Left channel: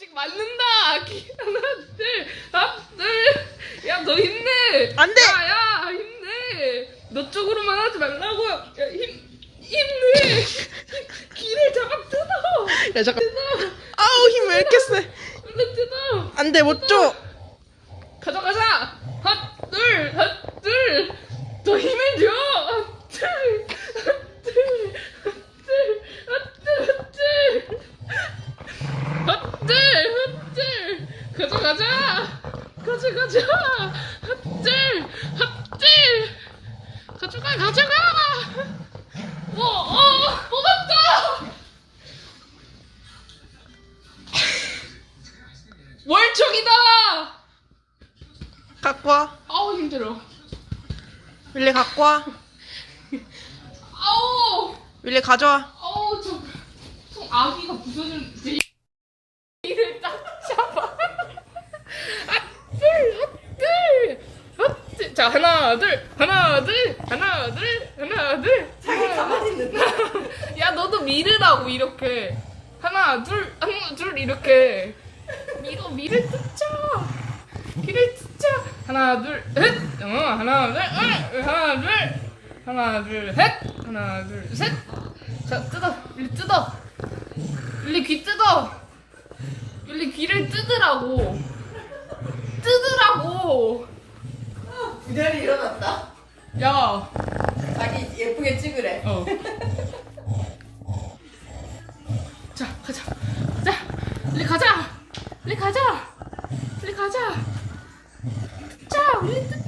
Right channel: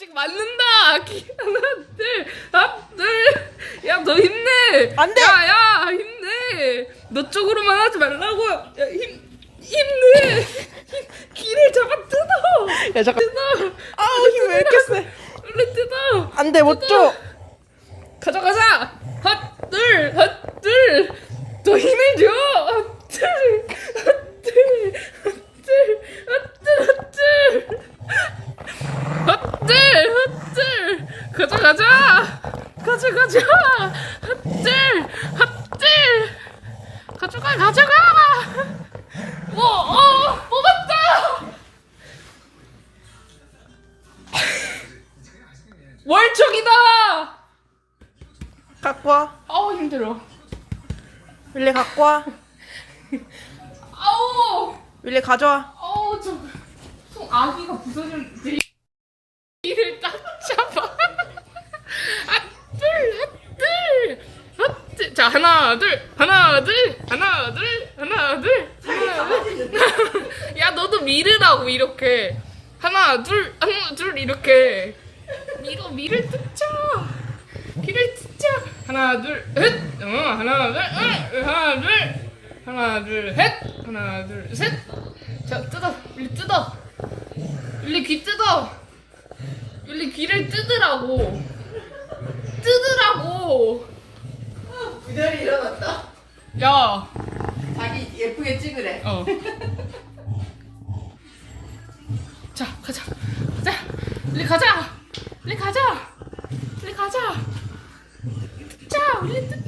번씩 맞는다. 하나 둘, 하나 야너 힘내. 안 돼. 야, 야 아, 힘내. 너 쪽으로만 하지 말라고. 야힘 힘내. 길을 잡아 뜯어. 야 잠깐. 뜯어. 아우 힘 왜 이렇게 세? 얼른 뜯어. 안 돼 못 줘. 가자 가자. 하나 둘, 하나 힘을 줘. 하나 둘, 하나 둘, 하나 둘, 하나 가져가자. 가져가자. 핫들 핫들 가져가 가져가. 뭐어 뽑았다. 월척이다. 갖고 와. 아우 힘들어. 윌리 갖고 와. 아우. 윌리 가져와. 아우 저손 아기가 부서진 이를 딱 잡아 핫들 핫들 자 하나 둘 하나 둘 하나 둘 하나 둘야 너도 밀으라고 이렇게 하나 둘 하나 둘 이렇게 이거 밀을 뜯자 길을 뜯자 하나 둘셋 어, 하나 둘 어, 하나 둘 하나 둘셋 하나 둘셋자 뜯어 일 뜯어 일리 귀 뜯어 일리 귀를 뜯으라고 그대로 일어났다. 야 자기 예쁘게 찍으래. 어. 자, 가자. 가자. 우리 가자. 우리 가자. 우리 가자. 자, 우리.